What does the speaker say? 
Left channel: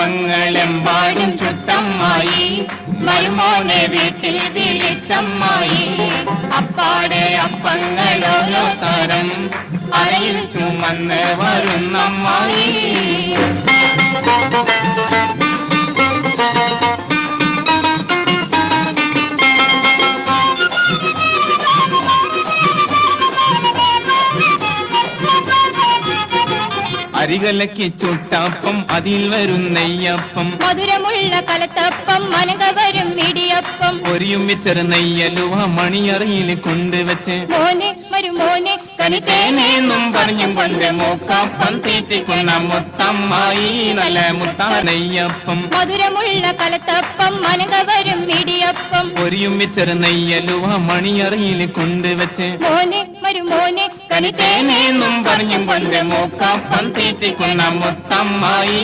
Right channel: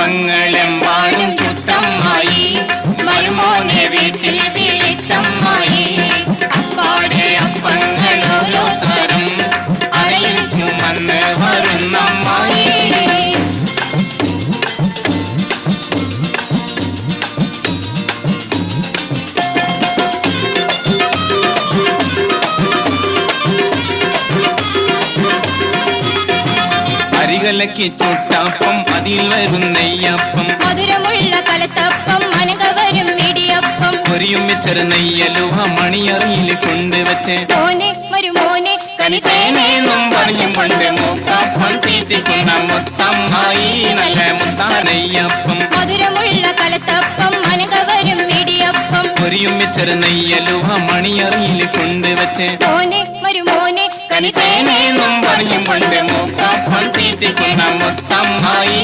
അപ്പങ്ങളെമ്പാടും ചുട്ടമ്മായി മരുമോനെ വീട്ടിൽ വിളിച്ചമ്മായി അപ്പാടെ അപ്പങ്ങൾ ഓരോ തരം അരയിൽ ചുമന്ന് വരുന്നമ്മായി അരികലക്കി ചുട്ടപ്പം അതിൽ വരും നെയ്യപ്പം മധുരമുള്ള കലത്തപ്പം മനക വരും ഇടിയപ്പം പൊരിയും വെച്ചൊരു നെയ്യലുവ മണിയറയിൽ കൊണ്ടുവച്ച് മോനെ മരുമോനെ കനിതേനെന്നും പറഞ്ഞും കൊണ്ട് മൂക്കപ്പം തീറ്റിക്കുന്ന മുത്തമ്മായി നല്ല മുത്താ നെയ്യപ്പം മധുരമുള്ള കലത്തപ്പം മനക വരും ഇടിയപ്പം പൊരിയും വെച്ചൊരു നെയ്യലുവ മണിയറയിൽ കൊണ്ടുവച്ച് മോനെ മരുമോനെ കനിതേനെന്നും പറഞ്ഞും കൊണ്ട് മൂക്കപ്പം തീറ്റിക്കുന്ന മുത്തമ്മായി